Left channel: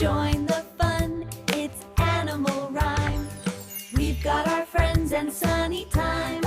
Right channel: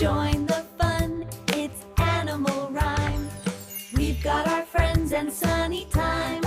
Join the fun, it's animal rhyme. We've got our friends and sunny time.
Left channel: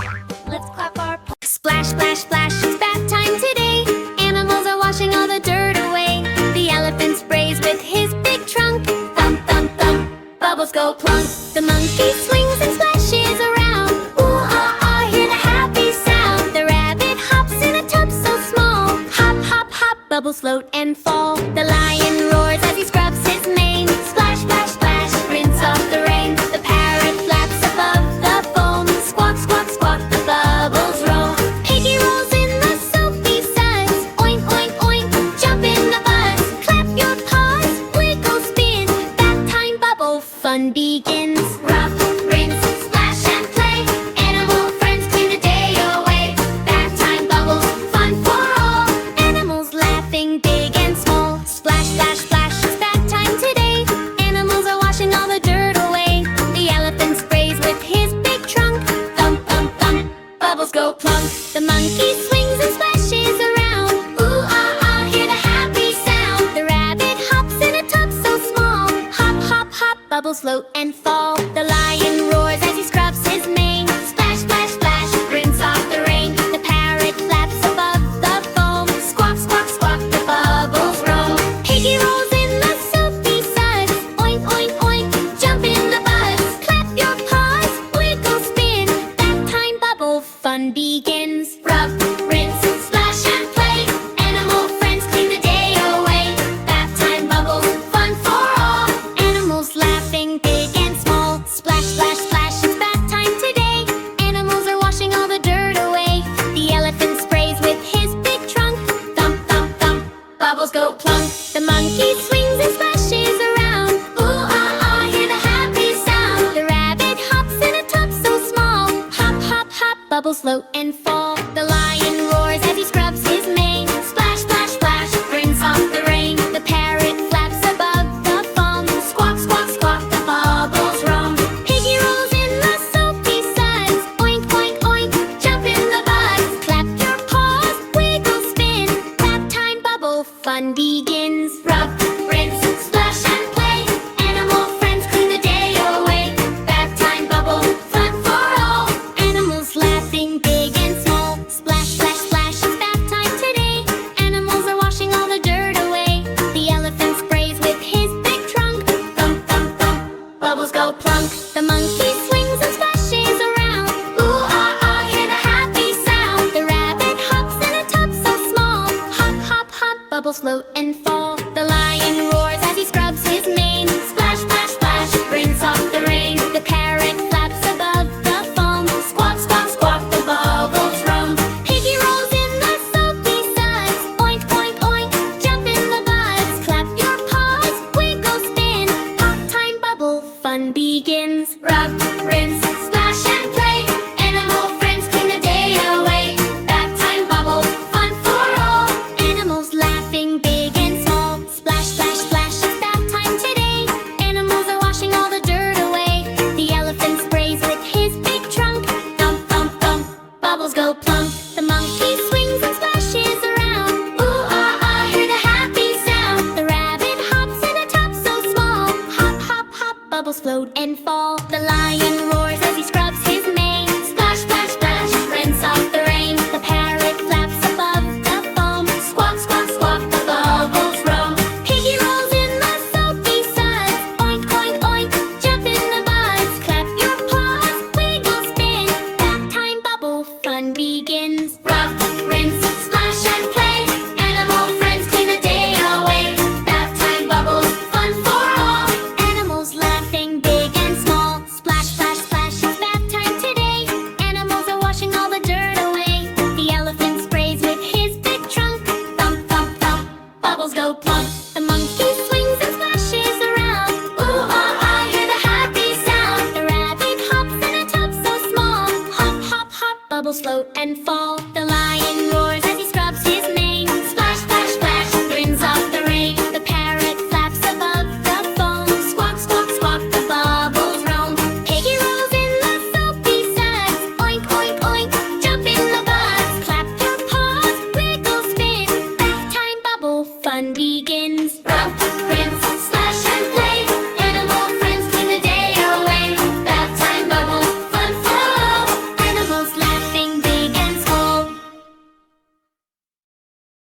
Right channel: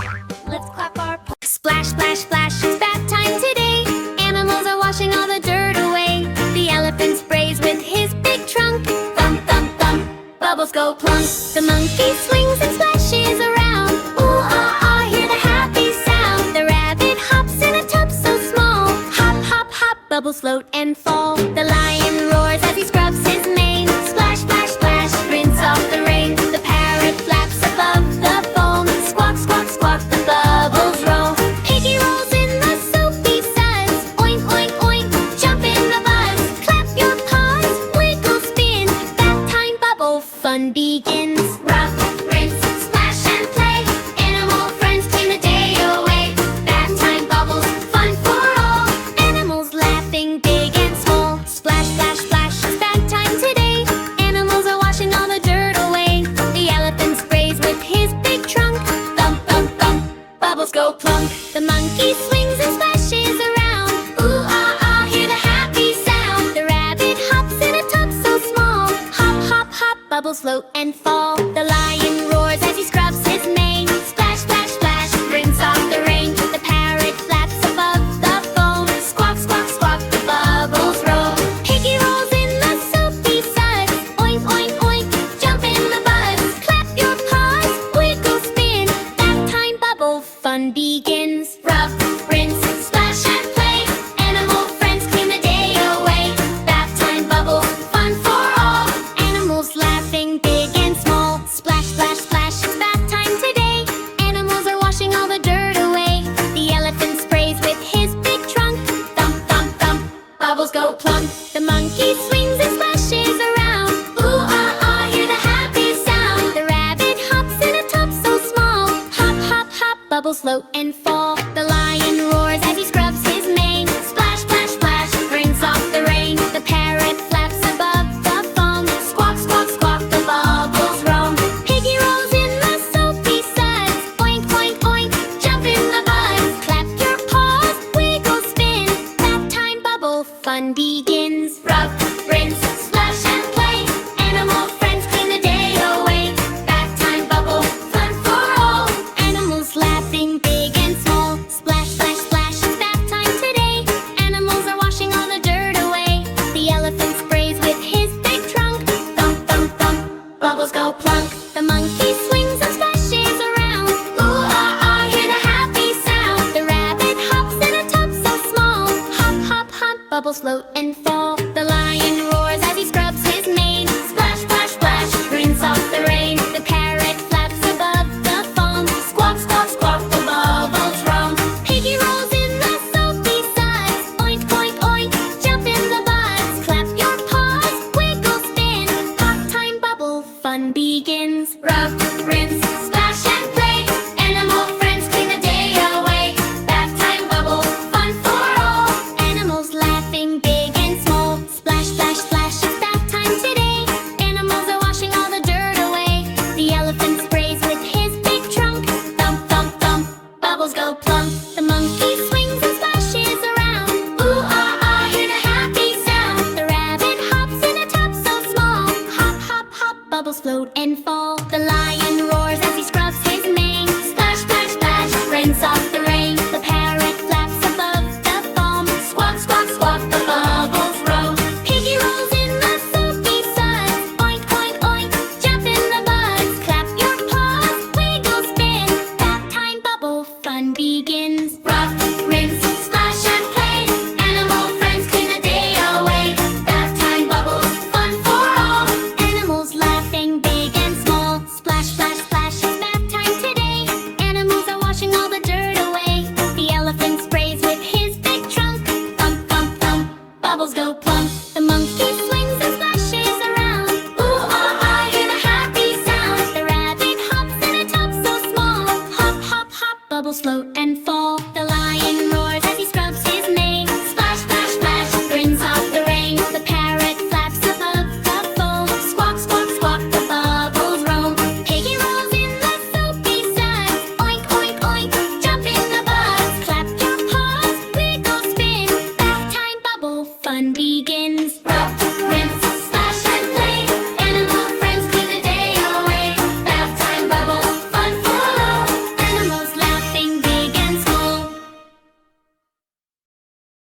Let's clap our paws. Splash, splash, splash, it's bath time today. Animals are washing all the dirt away. The elephant sprays with his big trunk. Thump, thump, thump, bubbles go plunk. The monkey swings and splashes around. Ooh, ah, ah, hear the happy sound. The rabbit hops in a tub so small. Hop, hop, hop, bubbles float and fall. The lion roars as he scrubs his mane. Splash, splash, splash, rinse off the rain. The parrot flaps above the foam. Squawk, squawk, squawk, the bubbles roll. Piggy rolls in the soapy suds. Oink, oink, oink, jump in the buzz. Clap your paws, wiggle, spin. Bath time bubble fun begins. Rub, rinse, splash and play. Animal friends clean the day away. Bath time bubbles, fun for all. Animals laughing big and small. Splash, splash, splash, it's bath time today. Animals are washing all the dirt away. The elephant sprays with his big trunk. Thump, thump, thump, bubbles go plunk. The monkey swings and splashes around. Ooh, ah, ah, hear the happy sound. The rabbit hops in a tub so small. Hop, hop, hop, bubbles float and fall. The lion roars as he scrubs his mane. Splash, splash, splash, rinse off the rain. The parrot flaps above the foam. Squawk, squawk, squawk, the bubbles roll. Piggy rolls in the soapy suds. Oink, oink, oink, jump in the buzz. Clap your paws, wiggle, spin. Bath time bubble fun begins. Rub, rinse, splash and play. Animal friends clean the day away. Bath time bubbles, fun for all. Animals laughing big and small. Splash, splash, splash, it's bath time today. Animals are washing all the dirt away. The elephant sprays with his big trunk. Thump, thump, thump, bubbles go plunk. The monkey swings and splashes around. Ooh, ah, ah, hear the happy sound. The rabbit hops in a tub so small. Hop, hop, hop, bubbles float and fall. The lion roars as he scrubs his mane. Splash, splash, splash, rinse off the rain. The parrot flaps above the foam. Squawk, squawk, squawk, the bubbles roam. Piggy rolls in the soapy suds. Oink, oink, oink, jump in the buzz. Clap your paws, wiggle, spin. Bath time bubble fun begins. Rub, rinse, splash and play. Animal friends clean the day away. Bath time bubble, fun for all. Animals laughing big and small. Splash, splash, splash, it's bath time today. Animals are washing all the dirt away. The elephant sprays with his big trunk. Thump, thump, thump, bubbles go plunk. The monkey swings and splashes around. Ooh, ah, ah, hear the happy sound. The rabbit hops in a tub so small. Hop, hop, hop, bubbles float and fall. The lion roars as he scrubs his mane. Splash, splash, splash, rinse off the rain. The parrot flaps above the foam. Squawk, squawk, squawk, the bubbles roam. Piggy rolls in the soapy suds. Oink, oink, oink, jump in the buzz. Clap your paws, wiggle, spin. Bath time bubble fun begins. Rub, rinse, splash and play. Animal friends clean the day away. Bath time bubble, fun for all. Animals laughing big and small. Splash, splash, splash, it's bath time today. Animals are washing all the dirt away. The elephant sprays with his big trunk. Thump, thump, thump, bubbles go plunk. The monkey swings and splashes around. Ooh, ah, ah, hear the happy sound. The rabbit hops in a tub so small. Hop, hop, hop, bubbles float and fall. The lion roars as he scrubs his mane. Splash, splash, splash, rinse off the rain. The parrot flaps above the foam. Squawk, squawk, squawk, the bubbles roam. Piggy rolls in the soapy suds. Oink, oink, oink, jump in the buzz. Clap your paws, wiggle, spin. Bath time bubble fun begins. Rub, rinse, splash and play. Animal friends clean the day away. Bath time bubbles, fun for all. Animals laughing big and small. Splash, splash, splash, it's bath time today. Animals are washing all the dirt away. The elephant sprays with his big trunk. Thump, thump, thump, bubbles go plunk. The monkey swings and splashes around. Ooh, ah, ah, hear the happy sound. The rabbit hops in a tub so small. Hop, hop, hop, bubbles float and fall. The